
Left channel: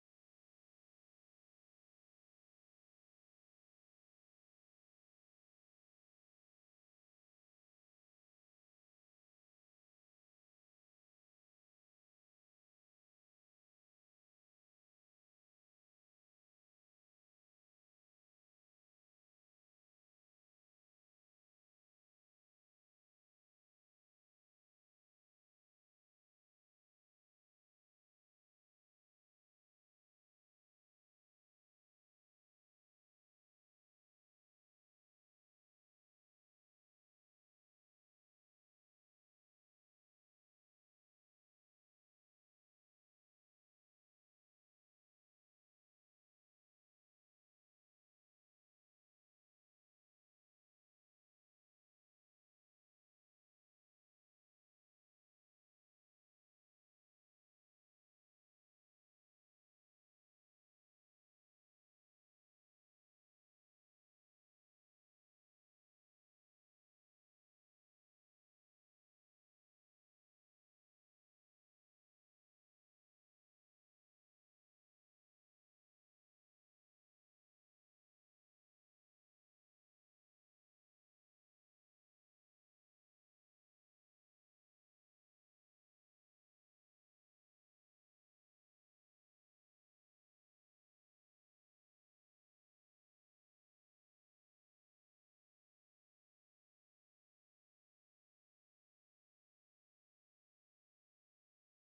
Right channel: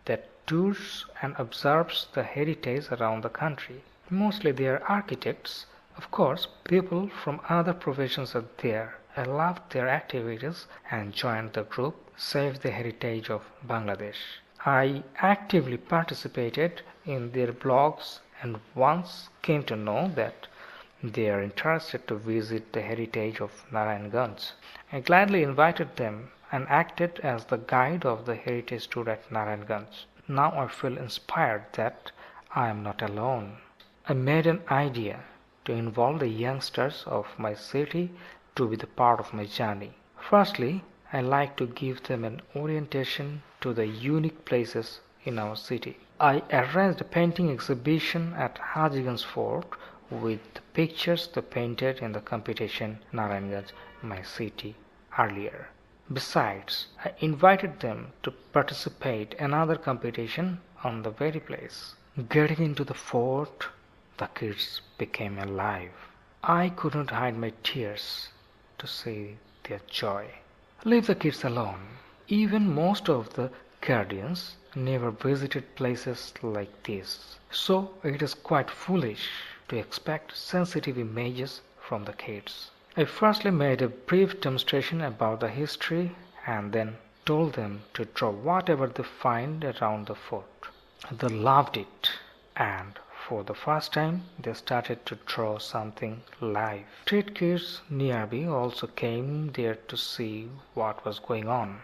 that tours and observes the heritage around the country. Mostly they are architects. Of course, people from other professions are there. I loved their activities and joined the group Save the Heritage of Bangladesh. I actively participated in their blogs and once came to know that they are interested to visit the heritage of Narayangonj. I gladly invited them and acted as the guide of the heritage tour at Narayangonj. Now I feel inspired that I am not alone. I made an idea to involve the youngsters of my city to be the part of my journey. Firstly, I like to give them an orientation to the unique places in our city. I arranged a painting exhibition at Hajiganj Fort with the pictures they painted in the competition Narayangonj, my city, earlier. Besides, I invited them to participate in another competition on the very place. Getting into the fort, the kids became alive. I couldn't hide my tears to see their joy. Leave the kids alone. Even most of the guardians never visited places like this. So it is quite foolish to expect sensitive images from the kids. I firstly made a brief demonstration about the history and then told them to draw whatever they find around the fort. They loved it, and for the first time they started to draw something live. Street kids nearby also came there to see what was going on,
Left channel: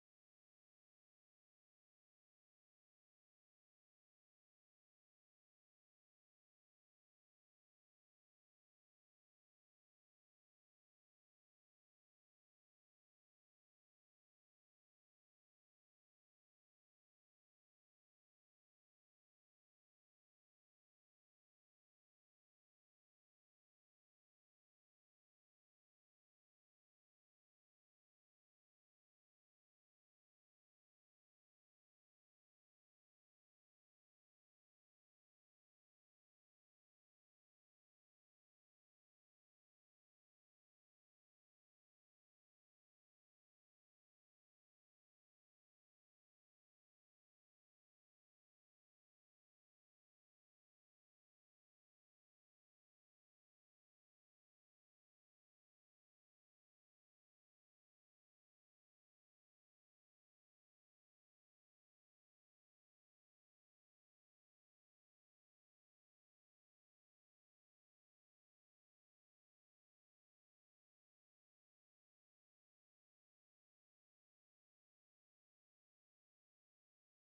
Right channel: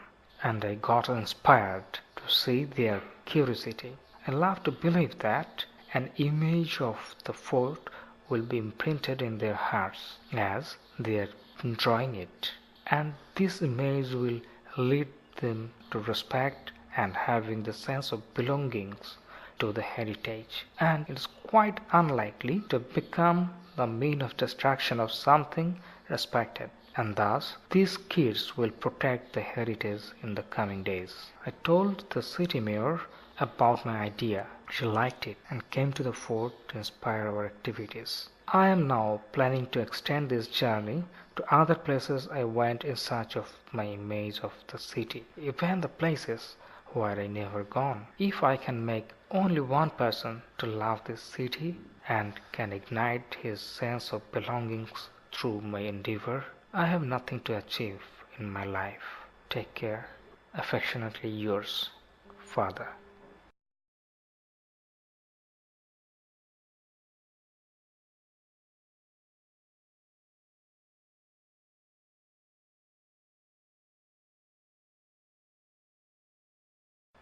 and I got inspired to see their curiosity. I love to believe that an image of the fort will be imprinted in their hearts as they are drawing it, and this image will lead them to respect and having the sense of belongings to the heritage, and it is quite unlikely to become the mean of destruction of something respected, and thus these kids will protect the heritage in the coming days. I told the city mayor about my idea. She liked it and came to the fort to inspire our activities. I am now planning to extend this journey to other places I went in search of my image of the city, even the places where I never gone. If I can make only one person to love this city and can ignite his sense of belongings through my endeavor, I have nothing to achieve in my life. Take care. Affectionately yours, Father.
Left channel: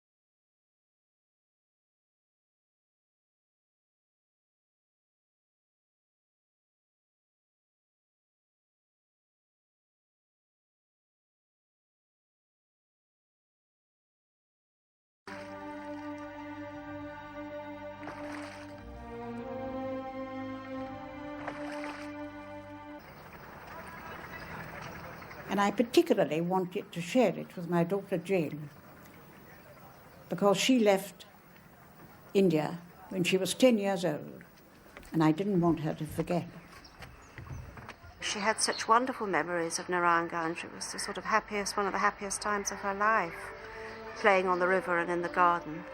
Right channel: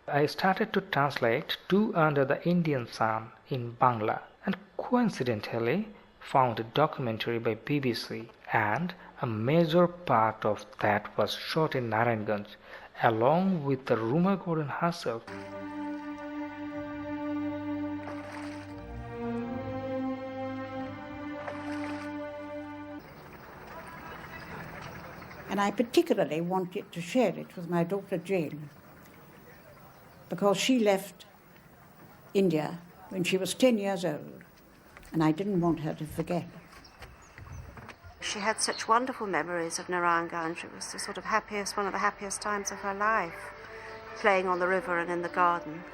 I started to translate Two Under the Indian Sun in Bangla and coincidentally found a documentary by BBC, and a major part of that was shot in Narayangonj along with the Ruma Gordon herself. And I particularly wanted to share it with my daughter Jane, because she left India when she was 10 years old, and I didn't want her to forget. She had such wonderful memories of Narayangonj. It was the sort of one of the happiest times of her life, playing on the river and in the garden.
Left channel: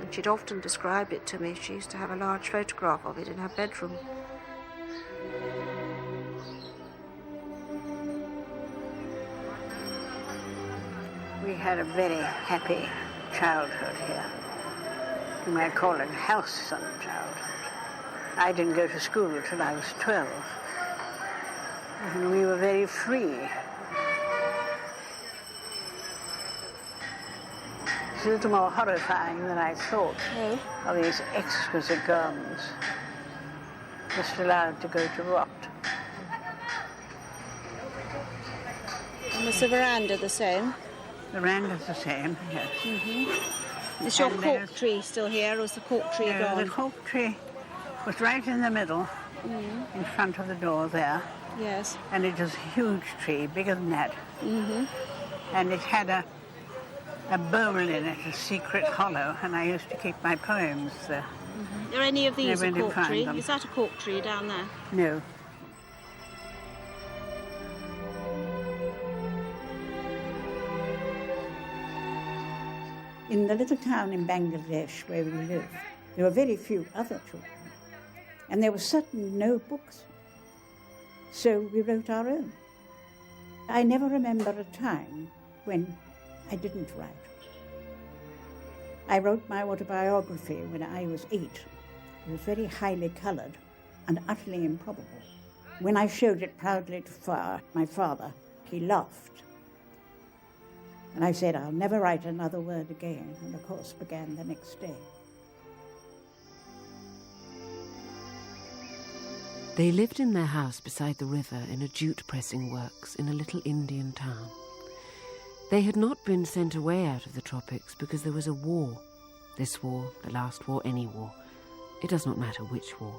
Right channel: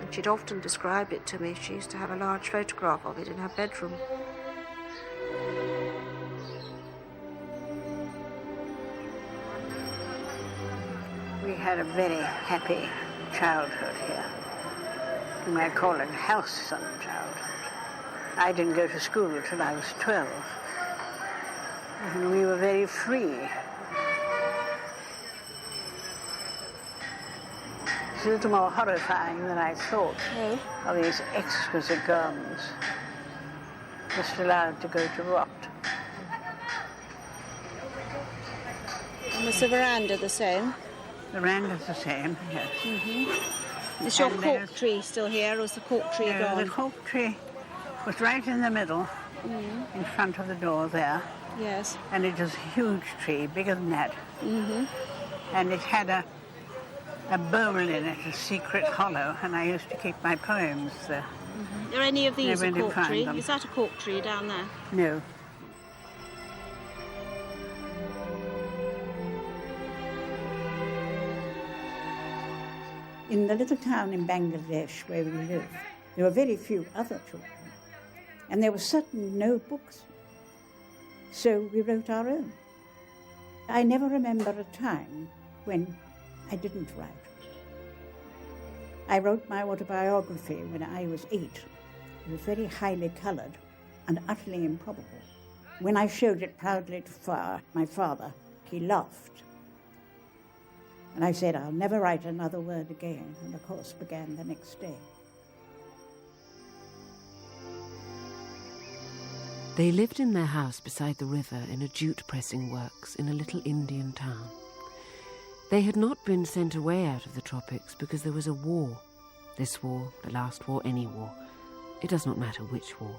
And she'd often described it to me. She used to have a large photograph of it in her bedroom. We had a very happy childhood here. You might call it halcyon childhood. I didn't go to school till I was 12. And we were very free. It's a little more horrifying than I thought of these exquisite gardens, just allowed to go to rot. And was the veranda the same? The veranda's the same, yes. Mm-hmm. Is your cork tree still here, or is the cork tree gone? The cork tree was right in the middle, in front of the door there. Yes. And it was a huge tree, bigger than that. Mm-hmm. And it had a a bowl in it, a secret hollow, and I used to keep my poems there. Are any of these a Never cork find tree? them. Is that a cork tree down there? No. In the little town in Bangladesh where we lived, there were very few other children, and there were certainly no books. So we wrote our own. I never remember a time when I didn't write. I wrote my autobiography when I was 8. It was very highly coloured and utterly improbable. When I showed it proudly to my father, he laughed. And I said, I'll never write another word again, and the course began the next day. They lived in their house beside the river in a jute pressing works in a little Indian town. They had not been sent away out of the tropics because there was a war. This war, the last war, any war. It does not matter which war.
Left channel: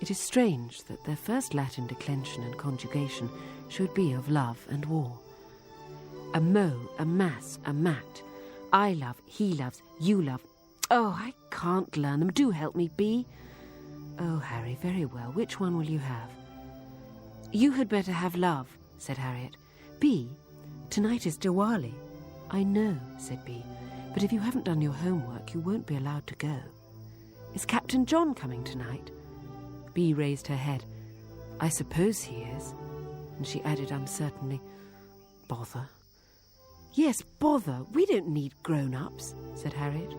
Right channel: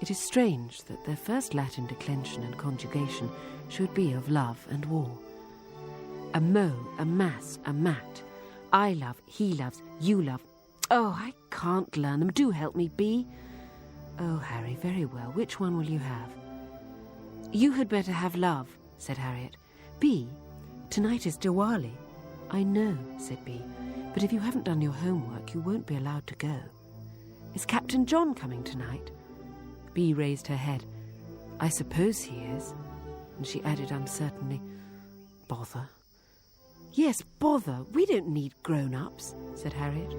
It is strange that their first Latin declension and conjugation should be of love and war. A mo, a mass, a mat. I love, he loves, you love. Oh, I can't learn them. Do help me, Bee. Oh, Harry, very well. Which one will you have? You had better have love, said Harriet. Bee, tonight is Diwali. I know, said Bee, but if you haven't done your homework, you won't be allowed to go. Is Captain John coming tonight? Bee raised her head. I suppose he is. And she added uncertainly, bother. Yes, bother. We don't need grown-ups, said Harriet.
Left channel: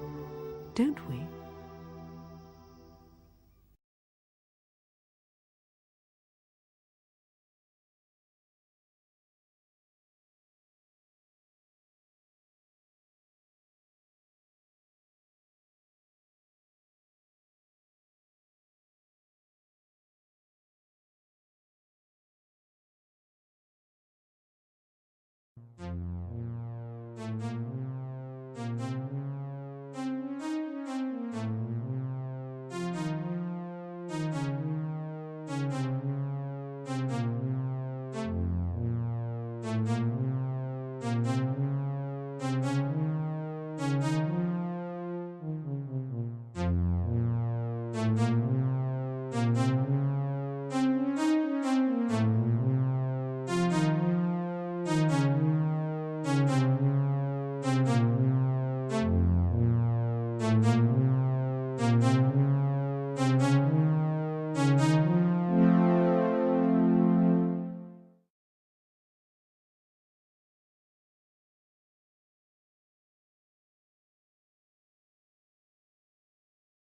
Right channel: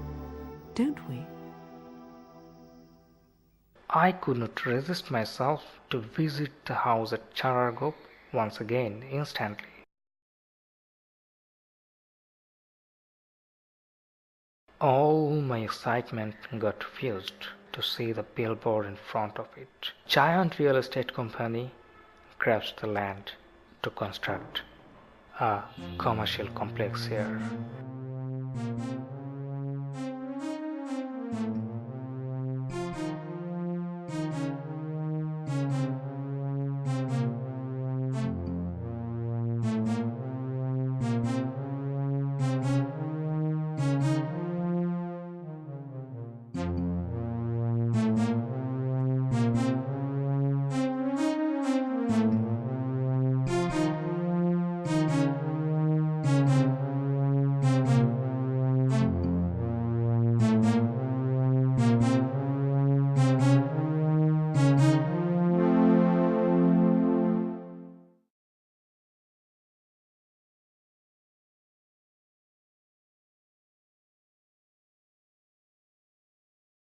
Don't we? I could not resist myself to visit the house at Charargop once again instantly. All my excitement got fused to see the billboard in front of it. Giant real estate company grabs the land to construct a commercial complex here.